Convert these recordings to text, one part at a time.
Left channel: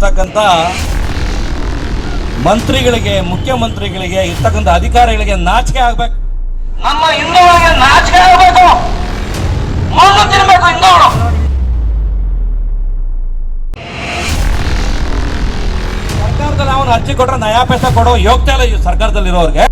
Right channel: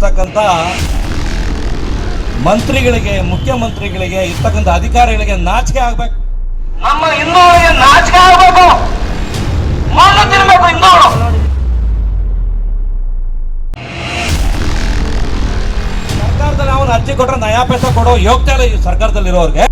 ಇರ್ತಕ್ಕಂಥ ಮಂತ್ರಿಗಳಿಗೆ, ಮುಖ್ಯಮಂತ್ರಿಗಳಿಗೆ, ಇರ್ತಕ್ಕಂಥ ಅಧಿಕಾರಿಗಳಿಗೆ ನಾಚಿಕೆ ಆಗ್ಬೇಕು. ನಮ್ಮ ಹಿಂದೂಗಳಿಗೆ ನಾಚಿಕೆ ಆಗ್ಬೇಕು, ಮಣ್ಣು ತಿನ್ಬೇಕು ಹಿಂದೂಗಳು. ಸರ್ಕಾರದಲ್ಲಿ ಅವನು ಅರ್ಜಿ ಕೊಟ್ರೆ ನಯಾ ಪೈಸಾ ಕೊಡೋ ಯೋಗ್ಯತೆ ಇಲ್ಲ ಈ ಸರ್ಕಾರದಲ್ಲಿರೋರಿಗೆ.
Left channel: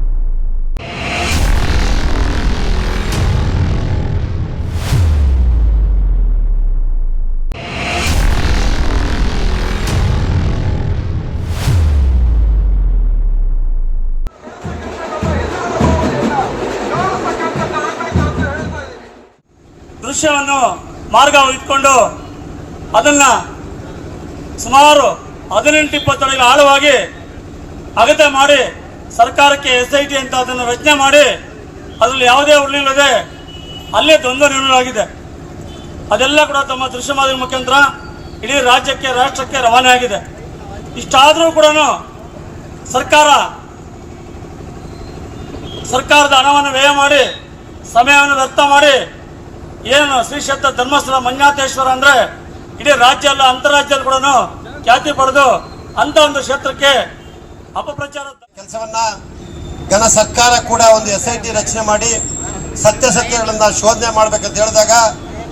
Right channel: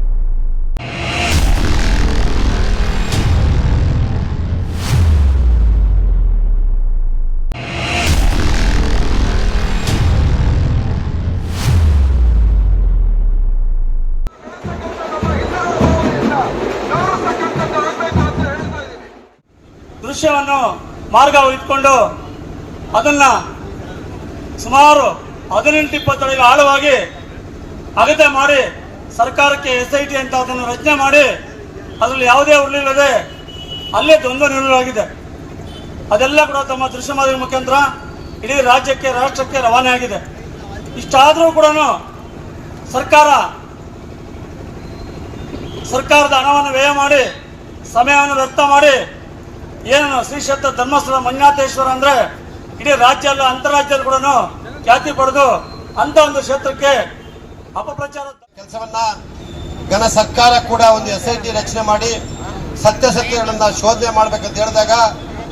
ದೃಶ್ಯವನ್ನು ಮಾರ್ಗ ಇಟ್ಕೊಂಡು ಅದನ್ನ ಸುಮಾರು 18-20 ಅಡಿ ಆಳವಾಗಿ ಅಗತ್ಯ ಮಾಡಿ ಸರ್ಕಾರಕ್ಕೆ SIT ಅಂತ ಅದನ್ನು ರಚನೆ ಮಾಡಿ ಅದರಲ್ಲಿ ಯಾವುದೇ ಉರುಳಿಲ್ಲದೆ ಅಲ್ಲೇ ದ್ವಂದ್ವ ನಿರ್ಣಯವಾಗಿದೆ. ಅದೆಲ್ಲ ಕೂಡ ತಮ್ಮ ದೃಶ್ಯ ಮಾಧ್ಯಮ ಮುಖಾಂತರ ಇಡೀ ರಾಜ್ಯಕ್ಕೆ, ರಾಷ್ಟ್ರಕ್ಕೆ ರವಾನೆ ಆಗಿದೆ. ಇಷ್ಟಾದರೂ ಕೂಡ ಸರ್ಕಾರದ ಹಣವನ್ನು ವ್ಯಯ ಮಾಡಿ, ಸಮಯವನ್ನು ವ್ಯರ್ಥ ಮಾಡಿ, ಏನು ಶ್ರೀ ಕ್ಷೇತ್ರ ಧರ್ಮಸ್ಥಳ ಮಂಜುನಾಥೇಶ್ವರ ಅಂದ್ರೆ ಇಡೀ ರಾಜ್ಯ ಅಲ್ಲ ಅಂತಾರಾಜ್ಯದಲ್ಲಿ ಕೂಡ ಖ್ಯಾತಿ ಪಡೆದು ಅಂತ ಒಂದು ಕ್ಷೇತ್ರಕ್ಕೆ ಅಪಪ್ರಚಾರ ಕೆಲಸವನ್ನ ಘನ ಸರ್ಕಾರ ಕೂಡ ಒಂದು SIT ರಚನೆ ಮಾಡಿ ಸತ್ಯಾಸತ್ಯಗಳನ್ನ ಶೋಧನೆ ಮಾಡ್ಬೇಕಂತ ಹೇಳಿದಾಗ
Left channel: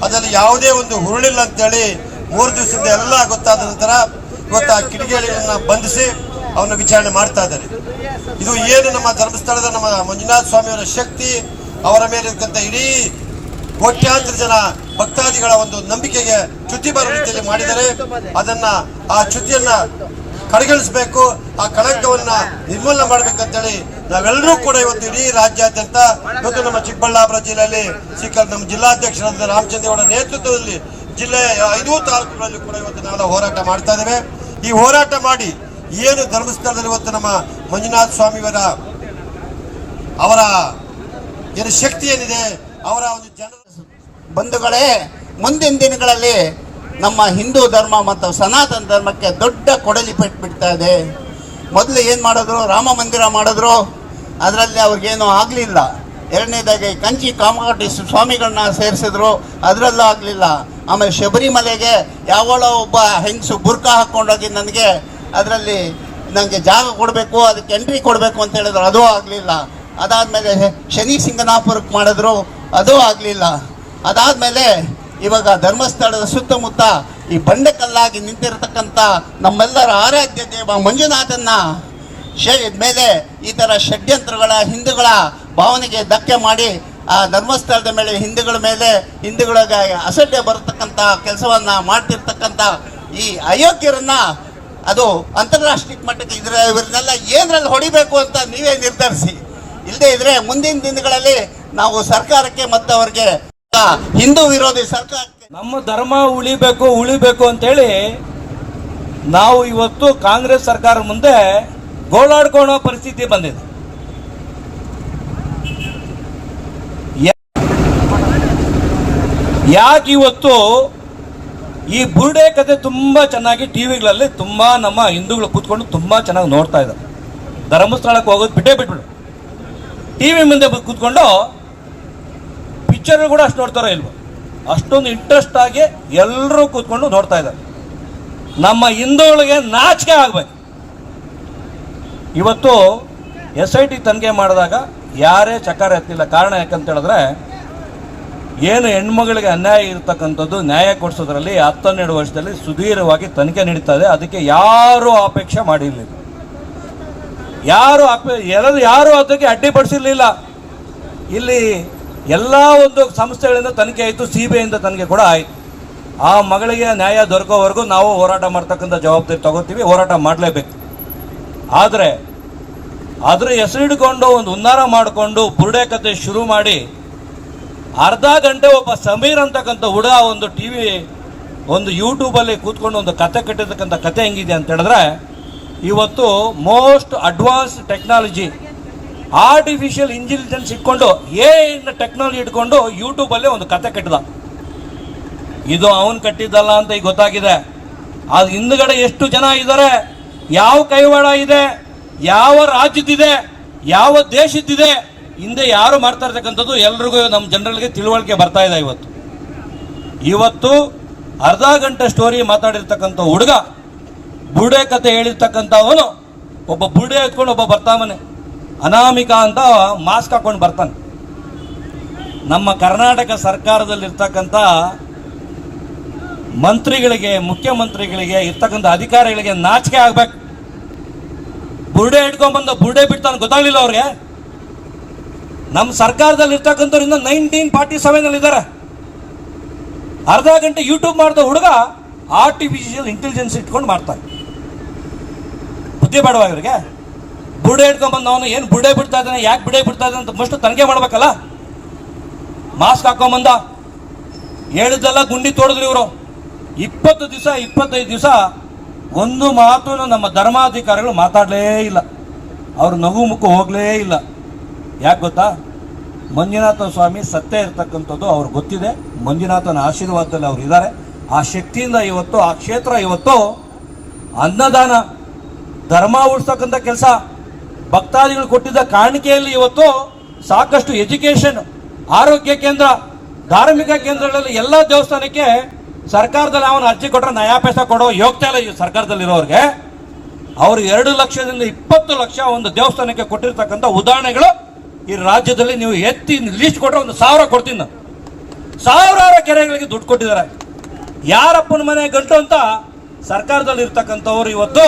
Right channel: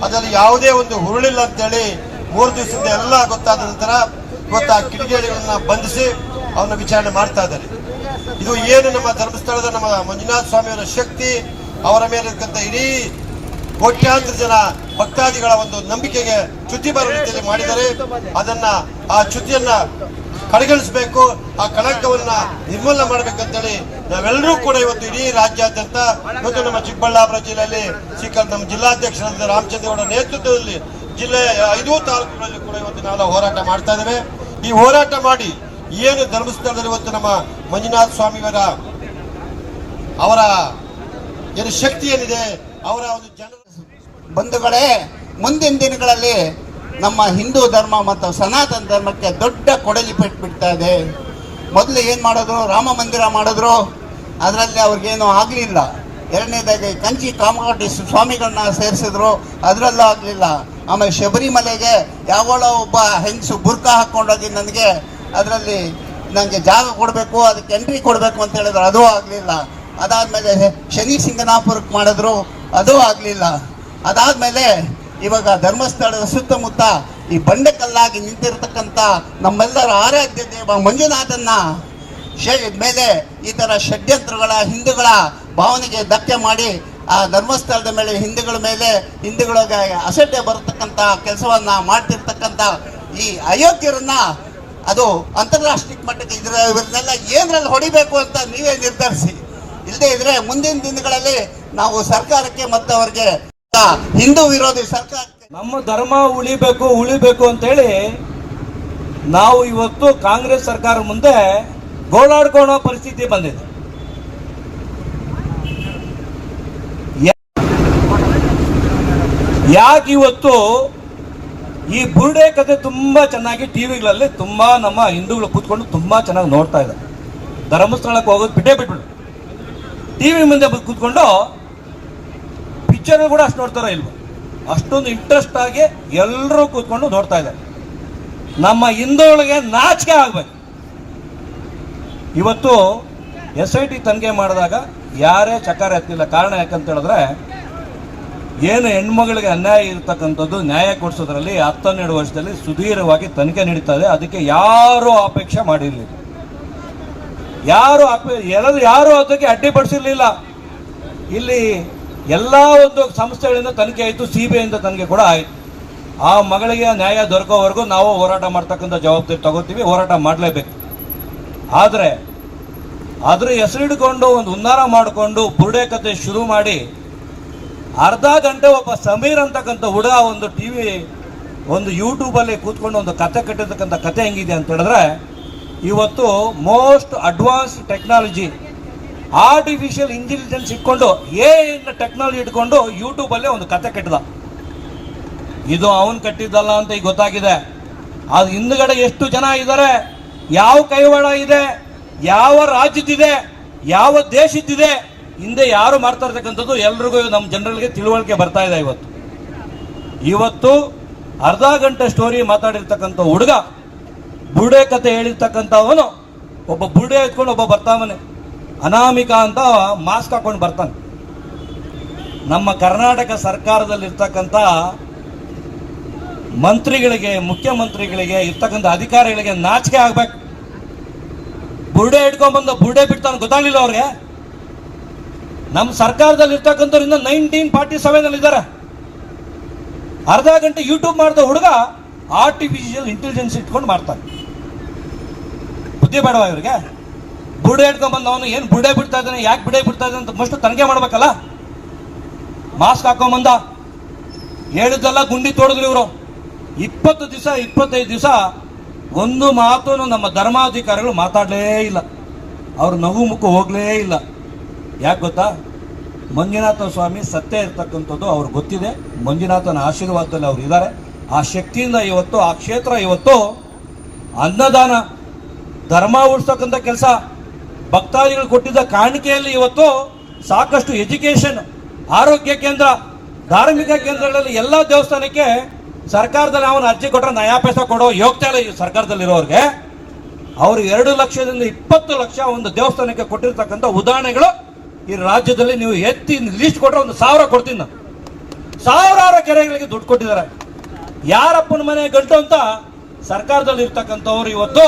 ಅದರಲ್ಲಿ ಯಾವುದೇ ಒಂದು ಹುರುಳಿಲ್ಲ ಅಂತೇಳಿ 3 ದಿವಸದಿಂದ ಎಲ್ಲ ಗೊತ್ತಾದ ನಂತರ ಇವತ್ತು ಆ ಕಿಡಿಗೇಡಿಗಳನ್ನ ಬಂಧಿಸಿ ಅವನ್ನ ವಿಚಾರಣೆ ಮಾಡ್ತಾ ಇದ್ದಾರೆ. ಇದು ಏನು ನಮ್ಮ ಧರ್ಮಸ್ಥಳದ ನಮ್ಮ ಮಂಜುನಾಥ ಸ್ವಾಮಿಯವರ ಶಕ್ತಿ, ಅವರ ಮೇಲೆ ಇರ್ತಕ್ಕಂಥ ಇಡೀ ಕೋಟ್ಯಾಂತರ ಜನ ಭಕ್ತಾದಿಗಳ ಒಂದು ನಂಬಿಕೆಗೆ ಚ್ಯುತಿ ಬರುವ ರೀತಿಯಲ್ಲಿ ಮಾಡಿದರೆ ಅದನ್ನ ಆ ಚ್ಯುತಿಯನ್ನ ಕಡೆಗಣಿಸಬೇಕು, ಆ ಕಳಂಕವನ್ನ ನಿರ್ಮೂಲನೆ ಮಾಡಬೇಕಂತೇಳಿ ನಾವೆಲ್ಲರೂ ಕೂಡ ಇವತ್ತು ಇಡೀ ರಾಜ್ಯಾದ್ಯಂತ ಇವತ್ತು ನಮ್ಮ ಚಿಕ್ಕಬಳ್ಳಾಪುರ ಜಿಲ್ಲೆಯಲ್ಲಿ ನಮ್ಮ ಜಿಲ್ಲಾಧ್ಯಕ್ಷರಾದ ರಾಮಚಂದ್ರಗೌಡ ನೇತೃತ್ವದಲ್ಲಿ ಜಿಲ್ಲೆಯ 5 ತಾಲೂಕುಗಳಲ್ಲಿ ಕೂಡ ಇವತ್ತು ನಾವೆಲ್ಲ ಹೋರಾಟ ಮಾಡ್ತಾ ಇದ್ದೇವೆ. ಈ ಹೋರಾಟ ಮಾಡಿ ಏನು ಧರ್ಮಸ್ಥಳದಲ್ಲಿ ಇವತ್ತು ನಮ್ಮ ಮಂಜುನಾಥ ಸ್ವಾಮಿಯವರ ಅವರ ಏನು ಶಕ್ತಿ ಏನಿದೆ, ಅವರ ಒಂದು ಜನರ ಬಂಧುಗಳೇ, ಮುಂದಿನ ದಿನಗಳಲ್ಲಿ ನಮ್ಮ ಹಿಂದೂ ಧರ್ಮ ಮತ್ತು ಸನಾತನ ಧರ್ಮಕ್ಕೆ ದೊಡ್ಡ ಕೊಡಲಿ ಬಿಡ್ತಾ ಇದೆ. ಮೊದಲು ಏನು ಮಾಡಿದ್ರು, ರಾಮ ಮಂದಿರ ಮಾಡಿದ್ರು, ಅದರಲ್ಲಿ ಅವ್ರಿಗೇನು ಆಗಲಿಲ್ಲ. ಎರಡನೇದಾಗಿ ಕಂಚಿ ಕಾಮಗಾಟಿ ಸ್ವಾಮಿಗಳನ್ನ ಸೇರಿಸಿದ್ರು, ಅದರಲ್ಲೂ ಆಗಲಿಲ್ಲ. ಆಮೇಲೆ ಶಬರಿಮಲೆಗೆ ಯಾವಳೋ ಒಬ್ಬ ಹೆಂಗಸು ಬುರ್ಕಾ ಹಾಕ್ಕೊಂಡೋಗಿ ಅದರಲ್ಲಿ ನನಗೆ ಜಾಗ ಕೊಡಬೇಕು, ಅದಕ್ಕೆ ಎಂಟ್ರಿ ಕೊಡಬೇಕು ಅಂತ ಹೇಳಿದ್ರು, ಅದೂ ಆಗಲಿಲ್ಲ. ಅದಾದಮೇಲೆ ಶನಿ ಸಿಂಗನಾಪುರಕ್ಕೆ ಮಾಡಿದ್ರು, ಅದೂ ಆಗಲಿಲ್ಲ. ಅದಾದಮೇಲೆ ಇವಾಗ ಧರ್ಮಸ್ಥಳದ ಸುತ್ತಮುತ್ತ ಈ ಬಂಡೆಕಲ್ಲಾಗಿ ನಿಂತಿರತಕ್ಕಂಥ ನಮ್ಮೆಲ್ಲರ ಆರಾಧ್ಯ ದೇವ ಮಂಜುನಾಥನ್ನ ಮೇಲೆ ಈ ಥರ ಷಡ್ಯಂತ್ರಗಳ ಹಿಂದೂಗಳ ಭಾವನೆಗೆ ಧಕ್ಕೆ ಮಾಡಿ ಆ ಧರ್ಮಸ್ಥಳದ ಮೇಲೆ ಹಿಂದೂಗಳಿಗೆ ಅಸಡ್ಡೆ ಬರತಕ್ಕಂಥ ಕೆಲಸವನ್ನ ಮಾಡ್ತಿರ್ತಕ್ಕಂಥ ಈ ಅಯೋಗ್ಯರನ್ನ ಅದು ಅಂತಾರಾಷ್ಟ್ರೀಯ ಮಟ್ಟಕ್ಕೆ ಇವರನ್ನೆಲ್ಲ ಏನರಲ್ಲಿ ಹೊಡಿಬೇಕು ಅಂತ ನೀವೇ ನಿರ್ಧರಿಸಿ. ಇಲ್ಲದೆ ಇದ್ರೆ ಮುಂದಿನ ದಿನಗಳಲ್ಲಿ ನಾವು ಸರ್ಕಾರಕ್ಕೆ ಮತ್ತು ಅವರಿಗೆ ಹಿಂದೂ ವಿರೋಧಿ ಸರ್ಕಾರಕ್ಕೆ ನಮ್ಮ ಧರ್ಮ ಉಳಿಬೇಕು ಅಂತೇಳಿ ನಾವು ಇವತ್ತು ಕಾಂಗ್ರೆಸ್ ಸರ್ಕಾರ ಮುಂದೆ ಗೋಳಾಡ್ಕೊಳ್ಳೋ ಪರಿಸ್ಥಿತಿ ಬಂದಿದೆ. ಯಾಕೆ ಇವತ್ತು ಈ ಬುರುಡೆ ಕತೆ ತುಂಬಾ ಚೆನ್ನಾಗಿ ಟಿವಿಗಳಲ್ಲಿ ತುಂಬಾ ನಮ್ಮ ಹಿಂದೂಗಳು ಕೂತ್ಕೊಂಡು ತುಂಬಾ ಚೆನ್ನಾಗಿ ನೋಡ್ತಾ ಇದ್ದಾರೆ. ಧರ್ಮಸ್ಥಳಕ್ಕೆ ಹೋಗೋದು ಬಿಟ್ಬಿಟ್ಟು ಟಿವಿ ಮುಂದೆ ಕೂತ್ಕೊಂಡು ಪಿಕ್ಚರ್ ಕೂಡ ಅಷ್ಟು ನೋಡ್ತಾರೋ ಇಲ್ವೋ, ಅಷ್ಟೊಂದು ಇಂಟ್ರೆಸ್ಟ್ ಆಗಿ ಎಲ್ಲರೂ ಕೂತ್ಕೊಂಡು ನೋಡ್ತಾ ಇದ್ದಾರೆ. ನಮ್ಮ ಹಿಂದೂಗಳಿಗೆ ನಾಚಿಕೆ ಆಗ್ಬೇಕು. ಇವತ್ತು SIT ತನಿಖೆ ಮಾಡಿದಾಗ ಯಾರೇ ಚಕಾರ ಎತ್ತಿಲ್ಲ. ಕಾರಣ ಯಾಕಂತ ಹೇಳಿದ್ರೆ, ಏನು ಹೆಣ್ಮಗಳಿಗೆ ಅನ್ಯಾಯ ಇರ್ತಕ್ಕಂಥದ್ದು ನ್ಯಾಯ ಕೊಡಿಸೋದ್ರಲ್ಲಿ 12 ವರ್ಷದಲ್ಲಿ ಸುದೀರ್ಘವಾಗಿ ತನಿಖೆ ನಡೀತಾ ಇದೆ. ಅದಕ್ಕೆ ಯಾರು ಅಪೇಕ್ಷೆ ಮಾಡಿರಲಿಲ್ಲ, ಯಾರು ಅದಕ್ಕೆ ಅಡ್ಡಿಪಡಿಸಿರ್ಲಿಲ್ಲ. ಇಲ್ಲಿ ಎಲ್ಲ ಒಂದು ಸಂಸ್ಥೆಗಳಿಂದ ತನಿಖೆ ಆಯಿತು, CBI ಇಂದ ತನಿಖೆ ಕೂಡ ಆಯಿತು. ಆ ಮಗಳಿಗೆ ನ್ಯಾಯ ದೊರಕೋವರೆಗೂ ನಾವು ಹೋರಾಟ ಮಾಡ್ತಕ್ಕಂಥ ಜವಾಬ್ದಾರಿ ತಗೋತೀವಿ, ಹೋರಾಟ ಮಾಡಲೇಬೇಕು. ಆದರೆ ಅದ್ರ ಹೆಸರಿಡ್ಕೊಂಡು ಒಂದು ಹುನ್ನಾರ ಮಾಡಿಕೊಂಡು ಬುರುಡೆ ಕತೆ ಶುರು ಮಾಡಿ ಅರ್ಧ ಗಂಟೆ ಒಬ್ಬ ಸಮೀರ್ ಅಂತಕ್ಕಂಥ ಹುಡುಗ ಒಂದು ಯೂಟ್ಯೂಬಲ್ಲಿ ಕೂತ್ಕೊಂಡು ಒಂದು ಕತೆ ಕಟ್ಟಿರ್ತಕ್ಕಂಥ ಕತೆ ಹೆಂಗಿದೆ ಅಂತ ಹೇಳಿದ್ರೆ, ಇವತ್ತು most advance technology artificial intelligence ಇಟ್ಕೊಂಡು ಟೆಕ್ನಾಲಜಿ ಇಟ್ಕೊಂಡು ಯೂಟ್ಯೂಬಲ್ಲೇ ಒಂದು ಕತೆ ಕಟ್ಟಿದ. ಇದು ಅವನು ಕಟ್ಟಿದ್ದಲ್ಲ ಅಂತ ಈಗ ಗೊತ್ತಾಗಿದೆ. ಅದು ಹಿಂದ್ಗಡೆ ಎಷ್ಟು ಜನ ಇದ್ದಾರೆ, ಯಾವ ಕೈವಾಡ ಇದೆ, ಯಾವ ರಾಜ್ಯದಿದೆ, ಯಾವ ದೇಶದ್ದಿದೆ, ಹಿಂದೆ ಯಾರು ಮಾಡ್ತಾ ಇರ್ತಕ್ಕಂಥದ್ದು ಎಲ್ರಿಗೂ ನಮ್ಮ ಜನರಿಗೆ ತಿಳುವಳಿಕೆ ಬರ್ತಾ ಇದೆ. ಇವತ್ತು ಅರ್ಧ ಗಂಟೆ ಸ್ಟೋರಿ ಮಾತಾಡಿರ್ತಕ್ಕಂಥ ಹುಡುಗ ಬುರುಡೆ ಕತೆ ಹೇಳಿರ್ತಕ್ಕಂಥವನು ಒಬ್ಬ ಬುರುಡೆ ಎತ್ಕೊಂಡು ಒಬ್ಬ ಬರ್ತಾವನೆ, ಅನಾಮಿಕ ಅಂತ ಮಾಸ್ಕ್ ಹಾಕೊಂಡು ಬರ್ತಾನೆ. ನಮ್ಮ ಕರ್ನಾಟಕ ಸರ್ಕಾರದಲ್ಲಿರ್ತಕ್ಕಂಥ ಮಂತ್ರಿಗಳಿಗೆ, ಮುಖ್ಯಮಂತ್ರಿಗಳಿಗೆ, ಇರ್ತಕ್ಕಂಥ ಅಧಿಕಾರಿಗಳಿಗೆ ನಾಚಿಕೆ ಆಗ್ಬೇಕು. ಬುರುಡೆ ಇಟ್ಕೊಂಡ್ಬಂದು ಬುರುಡೆ ಬಿಡ್ತಾನೆ, ಗೊತ್ತಾಗ್ಲಿಲ್ಲ ಅವ್ರಿಗೆ. ನಮ್ಮ ಸರ್ಕಾರದಲ್ಲಿ ಇರ್ತಕ್ಕಂಥವ್ರಿಂದ 1947 ಇದ್ದಾರೆ. ಅರ್ಧ ಗಂಟೆ ಯೂಟ್ಯೂಬ್ ಮಾಡಿದ ಹುಡುಗ ಆರ್ಟಿಫಿಷಿಯಲ್ ಇಂಟೆಲಿಜೆನ್ಸ್ ಇಟ್ಕೊಂಡು ಮಾಡ್ತಾನೆ. ಬುದ್ಧಿ ಬೇಡವಾ ಇವ್ರಿಗೆ? ಬುರುಡೆ ಇಟ್ಕೊಂಡ್ಬಂದು ಅವನು ಏನು ಬುರುಡೆ ಬಿಡ್ತಾ ಇದ್ದಾನೆ, ಯಾಕೆ ಬುರುಡೆ ಬಿಡ್ತಾ ಇದ್ದಾನೆ ಅಂತ ಮಷ್ಟು ತನಿಖೆ ಮಾಡ್ಬೇಕಲ್ಲ. ಮಾಸ್ಕ್ ಹಾಕೊಂಬಂದ, ಹೇಳಿದ್ದೆಲ್ಲ ಗುಂಡಿ ತೋಡಿದ್ರು ಇವರು. 20 ದಿವಸ 25 ದಿವಸ ಒಂದು ಮಾತು ನಮ್ಮ ಧರ್ಮಾಧಿಕಾರಿಗಳು ಮಾತಾಡಲೇ ಇಲ್ಲ. ಅವರು ನಗು ಮುಖ ಹೋಗಲೇ ಇಲ್ಲ. ಯಾಕೆ ಗೊತ್ತಾ? ಮಂಜುನಾಥ ಸ್ವಾಮಿ ಸತ್ಯ ಇರ್ತಕ್ಕಂಥದ್ದು ಅವ್ರಿಗೆ ಗೊತ್ತಿದೆ. ಮಂಜುನಾಥನ ಆಶೀರ್ವಾದದಲ್ಲಿ ಅವ್ರು ಇದ್ದಾರೆ. ಆ ಶಕ್ತಿಯಿಂದ ಇವತ್ತು ಆ ಕ್ಷೇತ್ರ ಇವತ್ತು ಅನ್ನದಾನ, ಧರ್ಮ ಉಳಿಸ್ತಕ್ಕಂಥ ಕೆಲಸ, ಭಕ್ತಾದಿಗಳು ಕೊಟ್ಟಿದ್ದ ಕಾಣಿಕೆಯಲ್ಲಿ ಇವತ್ತು ಸಾಕಷ್ಟು ಎಜುಕೇಶನ್, ಆರೋಗ್ಯ ಕೇಂದ್ರ, ಧಾರ್ಮಿಕ ಕೇಂದ್ರಗಳಲ್ಲಿ ಎಲ್ಲ ದೇವಸ್ಥಾನಕ್ಕೆ ಸರ್ಕಾರದಲ್ಲಿ ಅವನು ಅರ್ಜಿ ಕೊಟ್ಟರೆ ನಯಾ ಪೈಸಾ ಕೊಡೋ ಯೋಗ್ಯತೆ ಇಲ್ಲ. ಈ ಸರ್ಕಾರದಲ್ಲಿರೋರಿಗೆ ಅವರು 2 ಲಕ್ಷದಿಂದ 20 ಲಕ್ಷ ಒಂದು ದೇವಸ್ಥಾನಕ್ಕೆ ಕೊಟ್ಟಿರ್ತಕ್ಕಂಥ ಉದಾಹರಣೆಗಳು ಈ ರಾಜ್ಯದಲ್ಲಿ ನೀವು ಎತ್ತಿ ಲೀಸ್ಟ್ ಕೊಟ್ಟರೆ 1,000 ಕೊಡ್ತೀನಿ ನಾನು. ಸಾವಿರಾರು ಕೆರೆಗಳಿಗೆ ದುಡ್ಡು ಕೊಟ್ಟಿದ್ದಾರೆ. ಯಾರಪ್ಪನ ಮನೆ ಗಂಟು ಅಂತ ಸರ್ಕಾರದಲ್ಲಿ ಇರ್ತಕ್ಕಂಥವ್ರು ಇವತ್ತು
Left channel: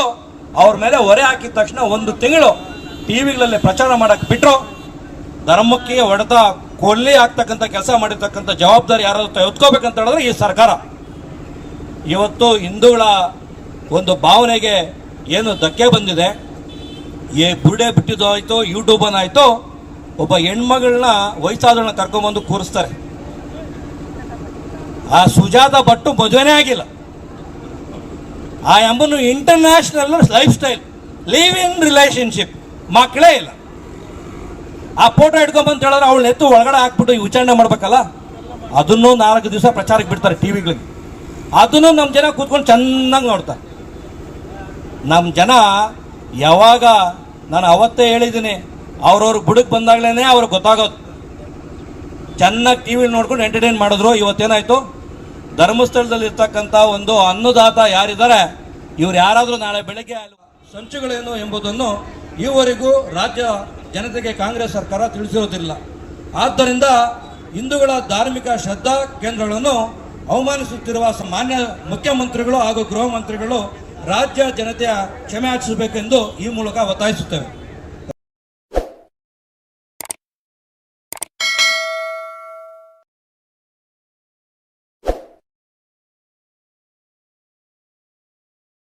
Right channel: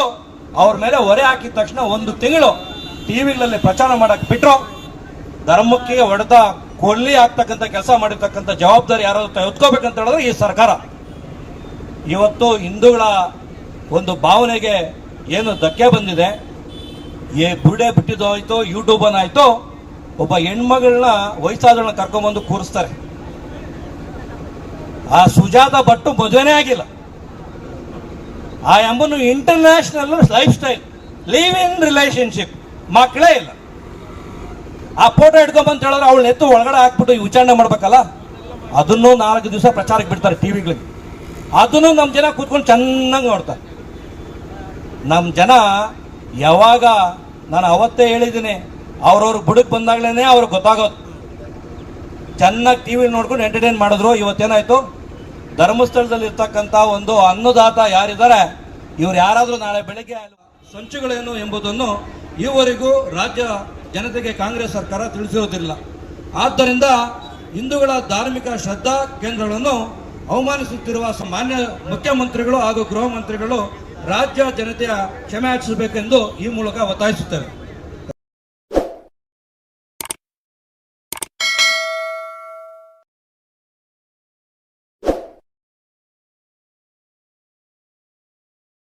ಅವ್ರ ಮೇಲೆ ಹೊರೆ ಹಾಕಿದ ತಕ್ಷಣ 1 ತಿಂಗಳು ಟಿವಿಗಳಲ್ಲಿ ಪ್ರಚಾರ ಮಾಡಕ್ಕೆ ಬಿಟ್ಟರು. ಧರ್ಮಕ್ಕೆ ಹೊಡೆದ ಕೊಲ್ಲಿ ಆಗ್ತಕ್ಕಂಥ ಕೆಲಸ ಮಾಡಿರ್ತಕ್ಕಂಥ ಜವಾಬ್ದಾರಿ ಯಾರು ಎತ್ಕೋಬೇಕಂತ ಹೇಳಿದ್ರೆ ಈ ಸರ್ಕಾರ. ಇವತ್ತು ಹಿಂದೂಗಳ ಒಂದು ಭಾವನೆಗೆ ಏನು ಧಕ್ಕೆ ಬಂದಿದೆ, ಬುರುಡೆ ಬಿಟ್ಟಿದ್ದು ಆಯ್ತು, ಯೂಟ್ಯೂಬನ್ ಆಯ್ತು, ಒಬ್ಬ ಹೆಣ್ಮಗಳನ್ನ ವಯಸ್ಸಾದಳನ್ನ ಕರ್ಕೊಂಡ್ಬಂದು ಕೂರಿಸ್ತಾರೆ. ಆ ಸುಜಾತ ಭಟ್ಟು ಮದುವೆನೇ ಆಗಿಲ್ಲ. ಆ ಎಂಬನು international lifestyle, live in relationship, ಮಕ್ಕಳೇ ಇಲ್ಲ. ಆ ಫೋಟೋ ಇಟ್ಕೊಂಬಂತ ಹೇಳಿದ್ರೆ ಅವಳು ಎತ್ತು ಒಳಗಡೆ ಹಾಕ್ಬಿಟ್ಟು ವಿಚಾರಣೆ ಮಾಡ್ಬೇಕಲ್ಲ. ಅದನ್ನು 4 ದಿವಸ ಪ್ರಚಾರಕ್ಕೆ ಬಿಡ್ತಾರೆ ಟಿವಿಗಳಿಗೆ. ಅದನ್ನು ನಮ್ಮ ಜನ ಕೂತ್ಕೊಂಡು ಚೆನ್ನಾಗಿ ನೋಡ್ತಾರೆ. ನಮ್ಮ ಜನ ಯಾವಾಗ, ನಾನು ಅವತ್ತೇ ಹೇಳಿದ್ದೀನಿ, ಅವ್ರವ್ರ ಬುಡಕ್ಕೆ ಬಂದಾಗ್ಲೇ ಅವ್ರಿಗೆ ಗೊತ್ತಾಗೋದು. ಚೆನ್ನಾಗಿ ಟಿವಿಲಿ ನೋಡ್ಕೊಂಡು ಎಂಟರ್ಟೈನ್ ಮಾಡಿದ್ರು. ಇವತ್ತೇನಾಯ್ತು? ಧರ್ಮಸ್ಥಳದಲ್ಲಿ ಇರ್ತಕ್ಕಂಥ ಒಂದು ಅನ್ನದಾತ ಯಾರಿದ್ದಾರೆ, ಇವ್ರು ಯಾರಾದರೂ ನಾಳೆ ಬೆಳಗ್ಗೆ ಸಂಚುಗಳೇನು ಎಂಬುದನ್ನು ಈವರೆಗೂ ರಾಜ್ಯ ಜನತೆಗೆ ಕಾಂಗ್ರೆಸ್ ಸರ್ಕಾರ ತಿಳಿಸಿರೋದಿಲ್ಲ. ಆದ್ದರಿಂದ ಹಿಂದೂಗಳ ಧಾರ್ಮಿಕ ಶ್ರದ್ಧಾ ಕೇಂದ್ರಗಳನ್ನು ಅವಮಾನಿಸುತ್ತಿರುವ ಮಾನ್ಯ ಮುಖ್ಯಮಂತ್ರಿಗಳು ಹಾಗೂ ಗೃಹ ಮಂತ್ರಿಗಳು ರಾಜ್ಯ ಜನತೆಯ ಕ್ಷಮೆ ಯಾಚಿಸಬೇಕೆಂದು ಈ ಮೂಲಕ ಒತ್ತಾಯಿಸುತ್ತೇವೆ.